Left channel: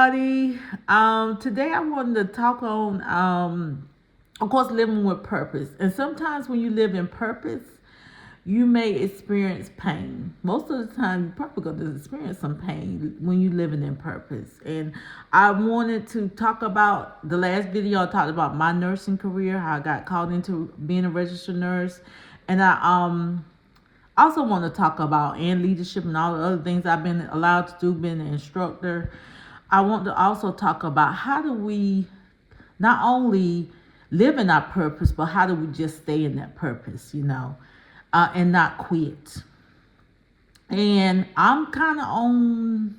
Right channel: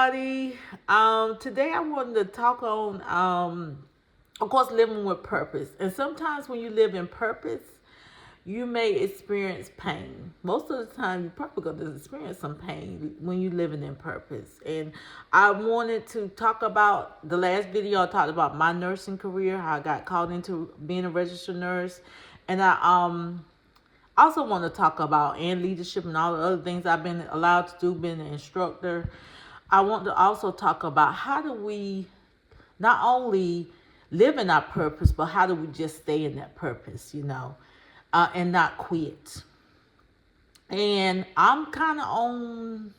everybody. Today I wanted to talk on, of course, living with purpose. And sometimes when you live in purpose, you may experience pain. Most of the time, you're probably going to experience some pain when you're living in purpose. And I wanted to talk about the last video. I talked about my nursing career, how I got called into being a registered nurse, and I also want to talk about and leadership and all the other things I've been allowed to do, being an instructor. I want to also talk about how do we not only live in our purpose, but how do we just stay in that purpose, and not quit. And I'm kind of on,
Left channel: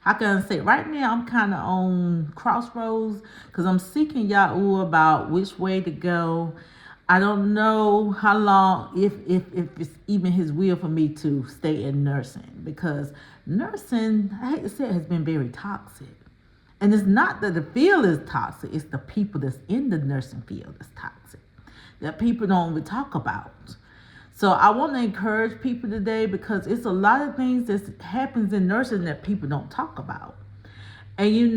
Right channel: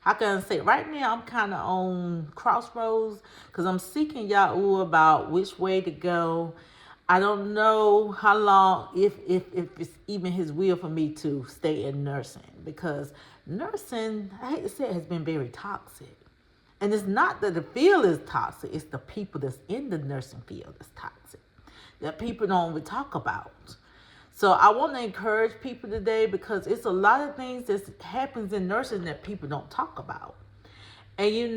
how can I say, right now I'm kind of on crossroads because I'm seeking Yahoo about which way to go. I don't know how long, if it's even his will for me to stay in nursing, because nursing, I hate to say it, has been very toxic. And it's not that the field is toxic, it's the people that's in the nursing field that's toxic, that people don't even talk about. So I want to encourage people today, because it's a lot of things that happens in nursing that people don't talk about. And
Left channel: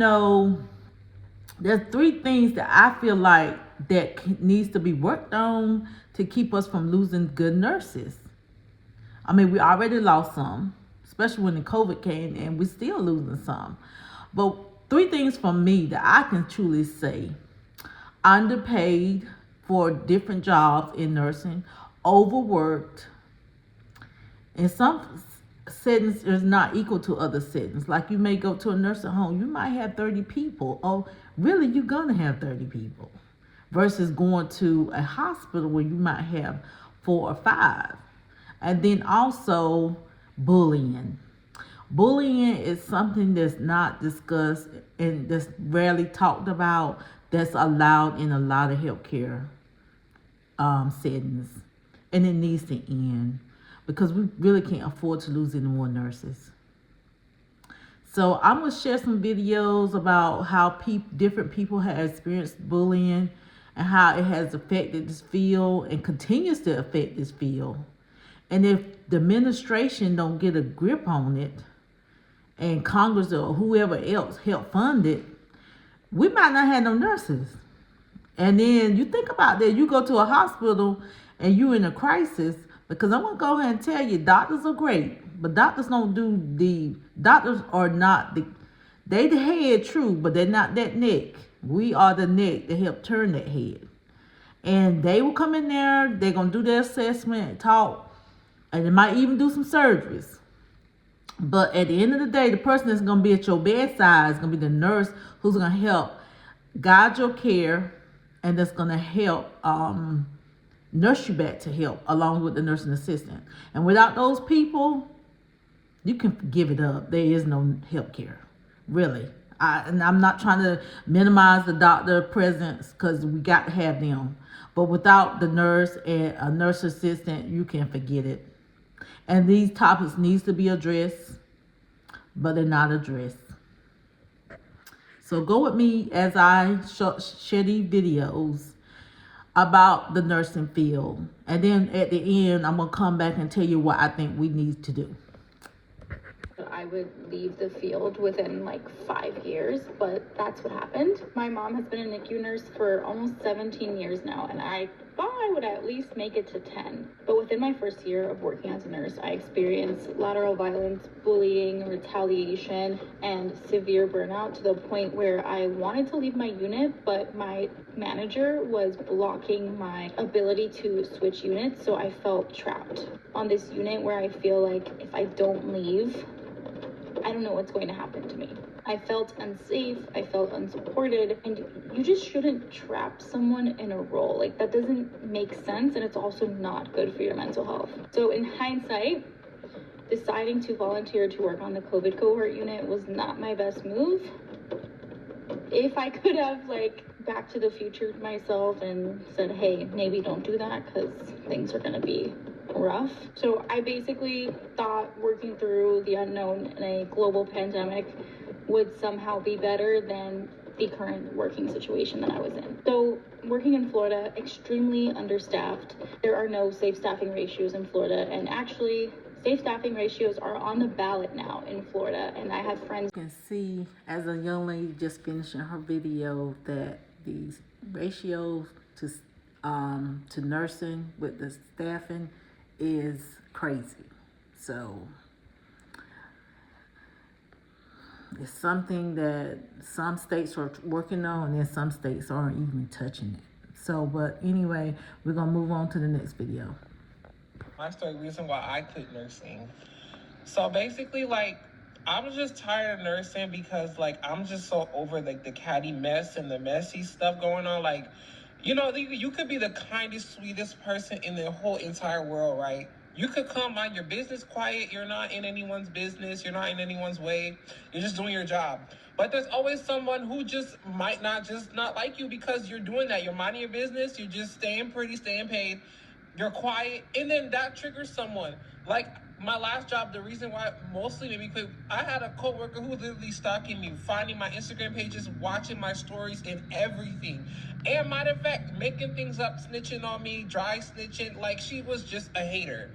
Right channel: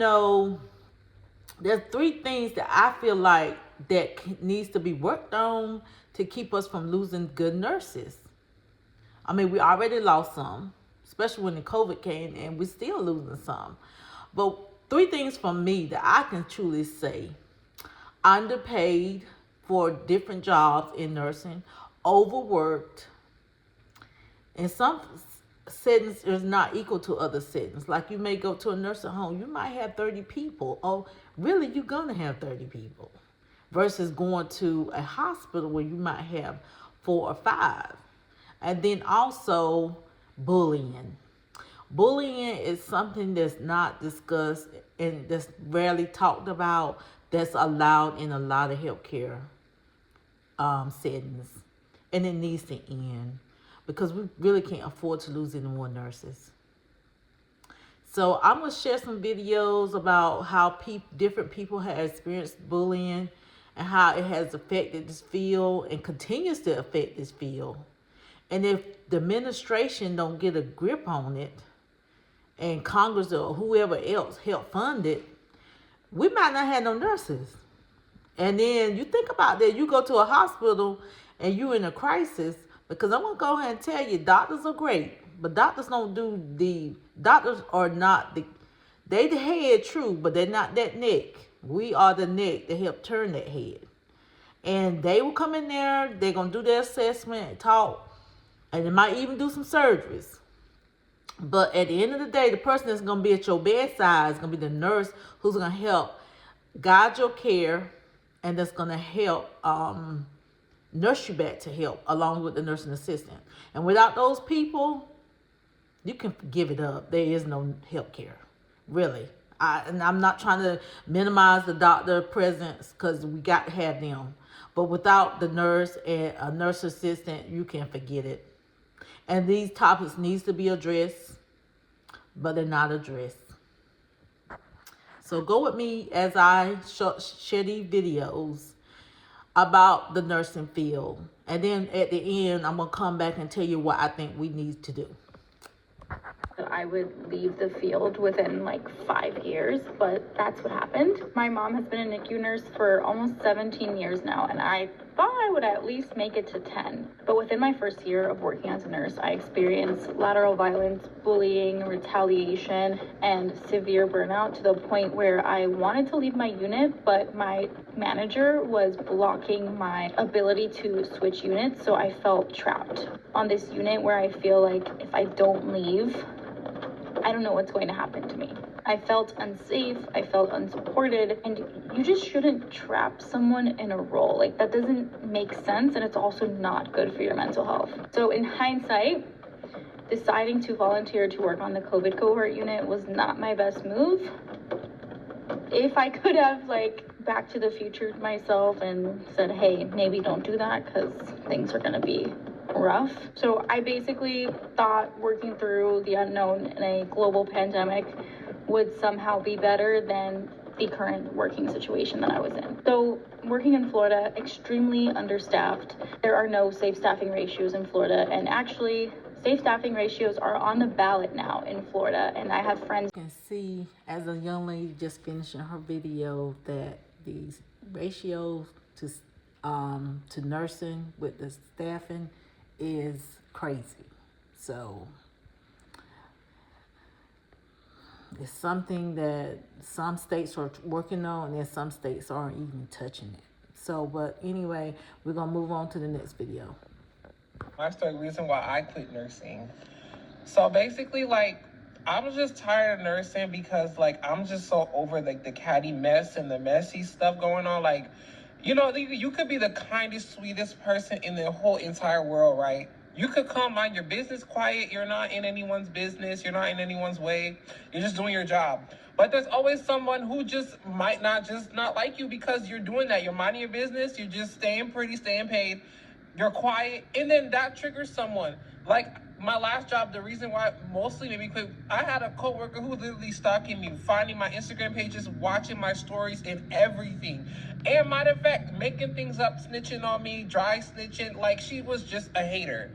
there's three things that I feel like that needs to be worked on to keep us from losing good nurses. I mean, we already lost some, especially when the COVID came, and we're still losing some. But three things from me that I can truly say: underpaid for different jobs in nursing, overworked, and some settings is not equal to other settings. Like you may go to a nursing home, you might have 30 people. Oh, really, you're gonna have 30 people, versus going to a hospital where you might have 4 or 5. And then also bullying. Bullying is something that's not discussed and that's rarely talked about, that's allowed in a lot of healthcare settings. And it needs to end, because we really can't afford to lose any more nurses. So I'm going to share some videos about how different people have experienced bullying and how it has affected this field and continues to affect this field. And if the administration don't get a grip on it, and Congress or whoever else help fund it, we might not have no nurses. And then you think about that, you go to a hospital and you in a crisis, because I'm going to go ahead and tell you, doctors are great, but doctors are not they the head, true, but they're not that neck. We are the neck to help turn that head. And they will come in there, they're going to do their assessment and talk, and they might even do some surgeries. But at the end of the day, the person that's going to be at your bedside is going to be the nurse who's going to help guide your care, and that's going to help nurse you back to health, along with the nursing assistant. And without those people, you can give it up. There is no health care, really. And I'm not trying to minimize the doctor presence, because we got to have them. But without the nurse and a nurse assistant, you can forget it. And these topics needs to be addressed, but they're not addressed. So go with me as I share these videos about the nursing field. And then at the end, I'm going to come back and tell you what I think we need to do. I would leave the field within like 5 years, but that's what happened. My mom has been a NICU nurse for almost 17 years now, and I thought I would at least make it to 10. But within my first year of working as a nurse, I experienced lateral violence, bullying, retaliation, and severe burnout, to the point where I wanted to leave my unit, but my manager was blocking my ability to switch units, so I felt trapped on this unit where I feel like if I don't leave, I don't know what's going to happen to me. I felt unsafe, I felt unsupported, and you just shouldn't trap someone in a role. Like, that doesn't make sense, and it's also not good for your mental health. So in hindsight, deciding to volunteer to work on the COVID cohort unit was not my best move. If I could have, Back to the Future myself and said, hey, maybe don't do that, because things are gonna be rough. So I basically thought working through the unknown in a global pandemic would somehow be better than the current working situation that I was in. So working in Florida, extremely understaffed. There are no safe staffing ratios in Florida, and actually Safe staffing ratios are on the ballot now in Florida, and I have friends. You can see as a young lady just finishing her video that these ratios to nursing with the staffing is crazy. So it's something that some states are working on, and then some states aren't even touching it. So, but anyway, we're gonna move on to the next video. My story, reason why I quit nursing. So basically, like, I was just tired of nursing because, like, I'm just so over, like, the catty mess and the messy stuff going on. Like, you know, you could be the kindest, sweetest person in the whole entire world, right? You could come mind your business quiet. You're not in anyone's business. You're not in anyone's way. You're just doing your job. But there's always someone who just might not like you because you're doing that. You're minding your business. You're just staying pretty, staying paid. You're quiet. And then that triggers someone. Like my last job, the reason why mostly made me quit, I had a coworker who was literally stalking me, finding my Instagram pages, watching my stories and everything. And matter of fact, making things up, snitching on me, dry snitching. Like she was just a hater.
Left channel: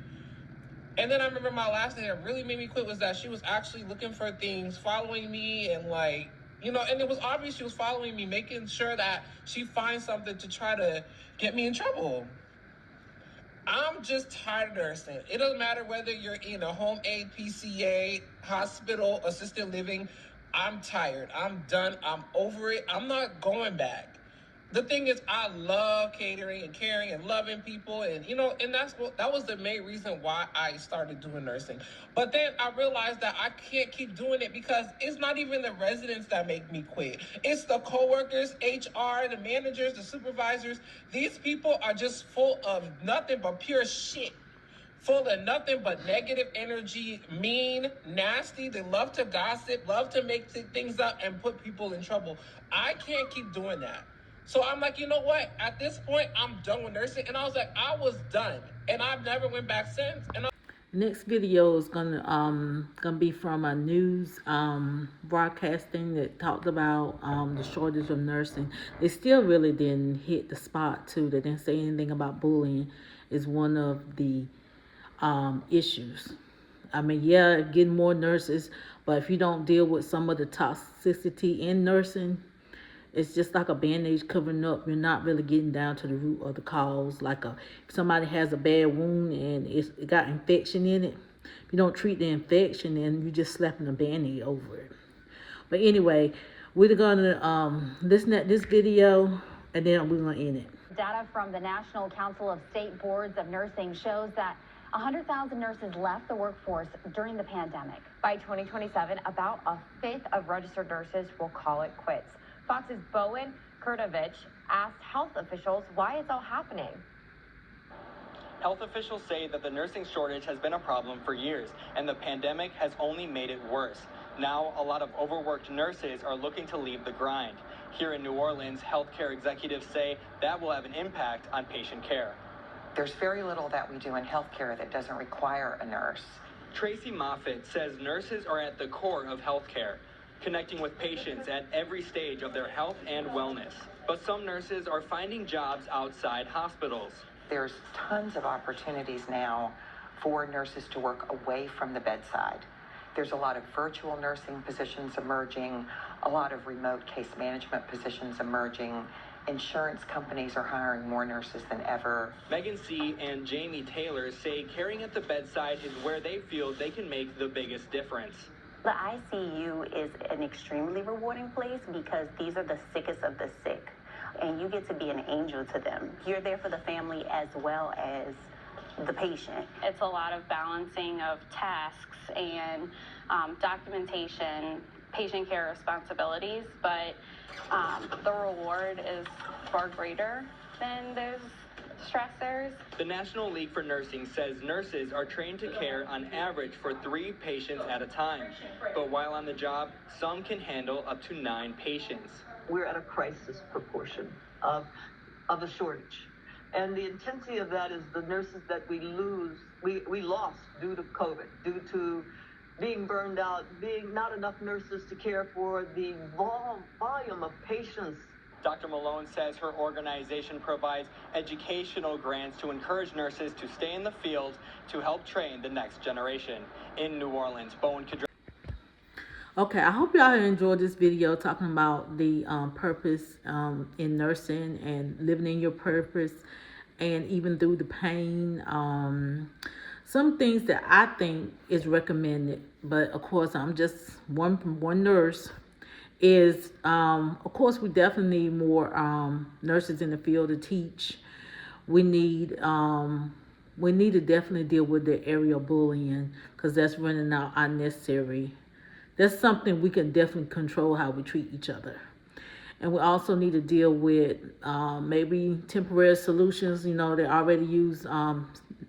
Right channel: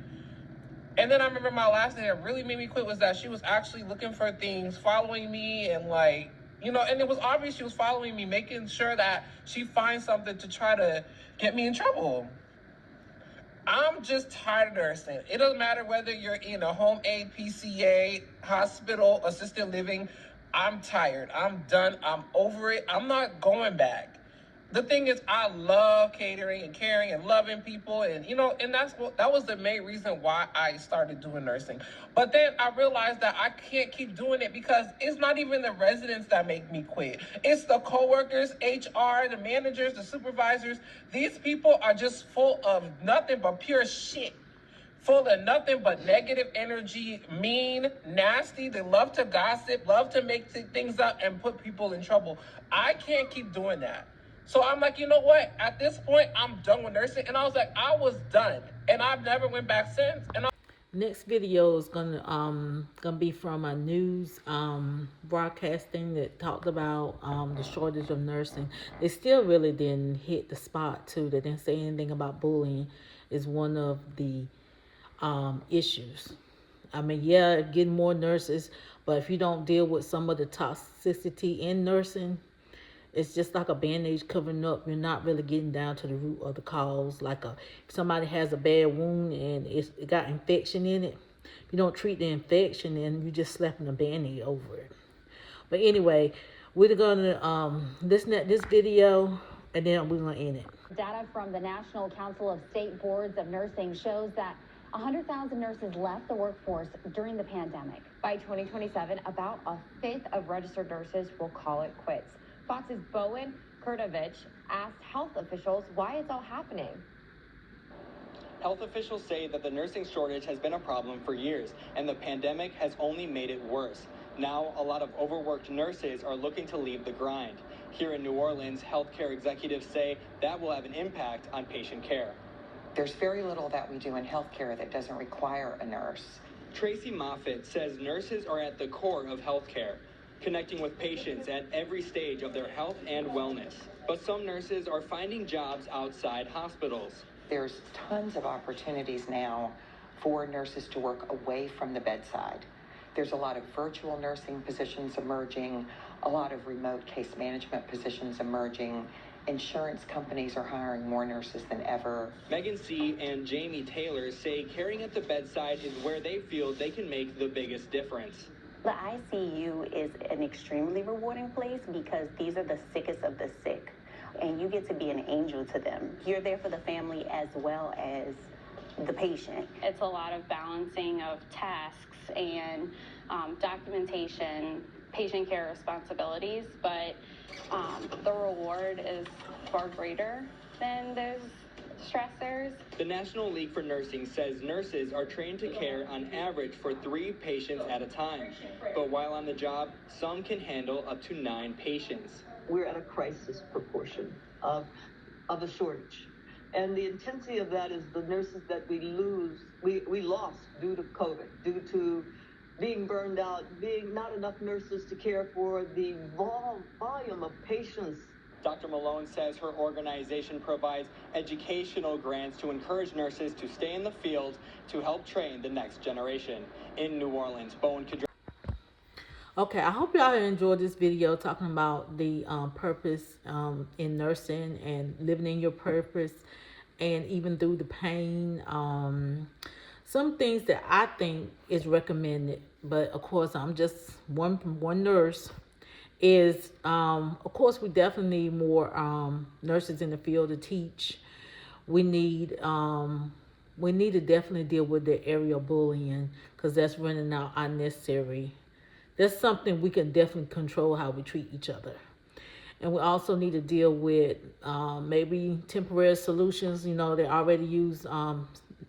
And then I remember my last thing that really made me quit was that she was actually looking for things, following me, and like, you know, and it was obvious she was following me, making sure that she finds something to try to get me in trouble. I'm just tired of nursing. It doesn't matter whether you're in a home aid, PCA, hospital, assisted living. I'm tired. I'm done. I'm over it. I'm not going back. The thing is, I love catering and caring and loving people, and you know, and that was the main reason why I started doing nursing. But then I realized that I can't keep doing it because it's not even the residents that make me quit. It's the coworkers, HR, the managers, the supervisors. These people are just full of nothing but pure shit. Full of nothing but negative energy, mean, nasty. They love to gossip, love to make things up and put people in trouble. I can't keep doing that. So I'm like, you know what? At this point, I'm done with nursing. And I was like, I was done. And I've never went back since. Next video is gonna be from a news broadcasting that talked about the shortage of nursing. They still really didn't hit the spot too. They didn't say anything about bullying is one of the issues. I mean, yeah, getting more nurses, but if you don't deal with some of the toxicity in nursing, it's just like a bandage covering up. You're not really getting down to the root of the cause. Like if somebody has a bad wound and it got infection in it, if you don't treat the infection, then you're just slapping a band-aid over it. But anyway, we're gonna listen to this video and then we're gonna end it. Data from the National Council of State Boards of Nursing shows that 100,000 nurses left the workforce during the pandemic. By 2027, about a fifth of registered nurses will call it quits. Fox's Bowen Kurtovich asked health officials why it's all happening. Health officials say that the nursing shortage has been a problem for years, and the pandemic has only made it worse. Now, a lot of overworked nurses are looking to leave the grind. Here in New Orleans, healthcare executives say that will have an impact on patient care. There's very little that we do in healthcare that doesn't require a nurse. Tracy Moffitt says nurses are at the core of healthcare, connecting with patients at every stage of their health and wellness. But some nurses are finding jobs outside hospitals. There's tons of opportunities now for nurses to work away from the bedside. There's a lot of virtual nursing positions emerging, a lot of remote case management positions emerging. Insurance companies are hiring more nurses than ever. Megan C. and Jamie Taylor say caring at the bedside is where they feel they can make the biggest difference. The ICU is an extremely rewarding place because these are the sickest of the sick, and you get to be an angel to them. You're there for the family as well as the patient. It's a lot of balancing of tasks and documentation, patient care responsibilities, but the reward is far greater than those stressors. The National League for Nursing says nurses are trained to care on average for 3 patients at a time. But while on the job, some can handle up to 9 patients. We're at a crisis proportion of a shortage. And the intensity of that is the nurses that we lost due to COVID, due to being burned out, being not enough nurses to care for the volume of patients Dr. Malone says her organization provides educational grants to encourage nurses to stay in the field to help train the next generation. In New Orleans, Bowen Kadri. Okay, I hope y'all enjoyed this video talking about the purpose in nursing and living in your purpose, and even through the pain. Some things that I think is recommended, but of course I'm just one nurse, is of course we definitely need more nurses in the field to teach. We need to definitely deal with the area bullying, because that's running out unnecessary. That's something we can definitely control, how we treat each other. And we also need to deal with maybe temporary solutions. You know, they already use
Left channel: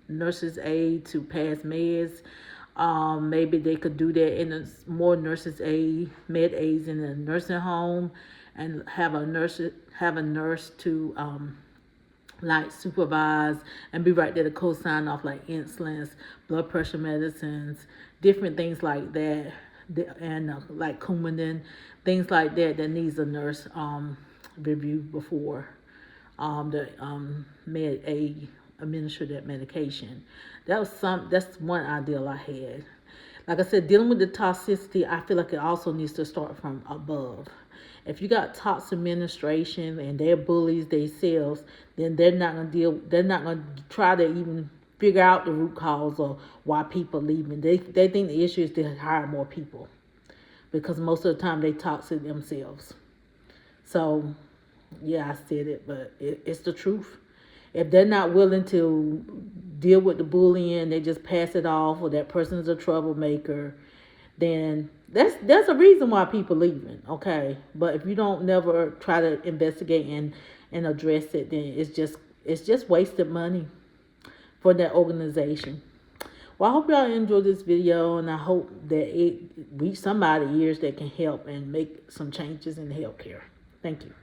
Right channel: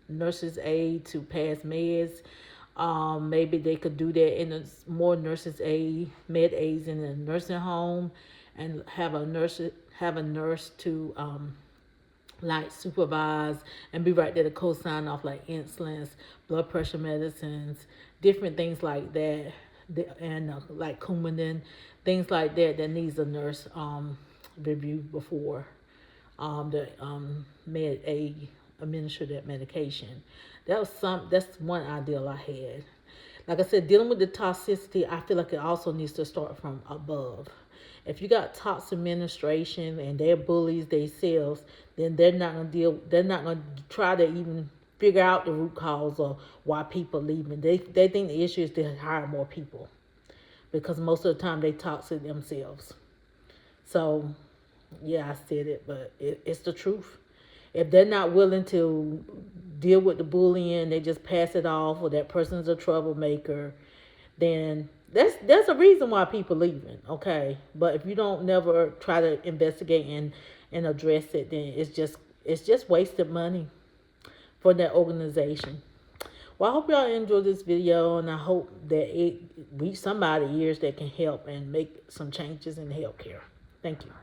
nurses' aid to pass meds. Maybe they could do that in more nurses' aid, med aids in a nursing home, and have a nurse to like supervise and be right there to co-sign off, like insulins, blood pressure medicines, different things like that, and like Coumadin, things like that needs a nurse review before the med aid administer that medication. That's one ideal I had. Like I said, dealing with the toxicity, I feel like it also needs to start from above. If you got toxic administration and they're bullies themselves, then they're not gonna try to even figure out the root cause of why people leaving. They think the issue is to hire more people, because most of the time they toxic themselves. So yeah, I said it, but it's the truth. If they're not willing to deal with the bullying, they just pass it off, or that person's a troublemaker, then there's a reason why people leaving, okay? But if you don't never try to investigate and address it, then it's just wasted money for that organization. Well, I hope y'all enjoyed this video, and I hope that it reach somebody's ears that can help and make some changes in healthcare. Thank you.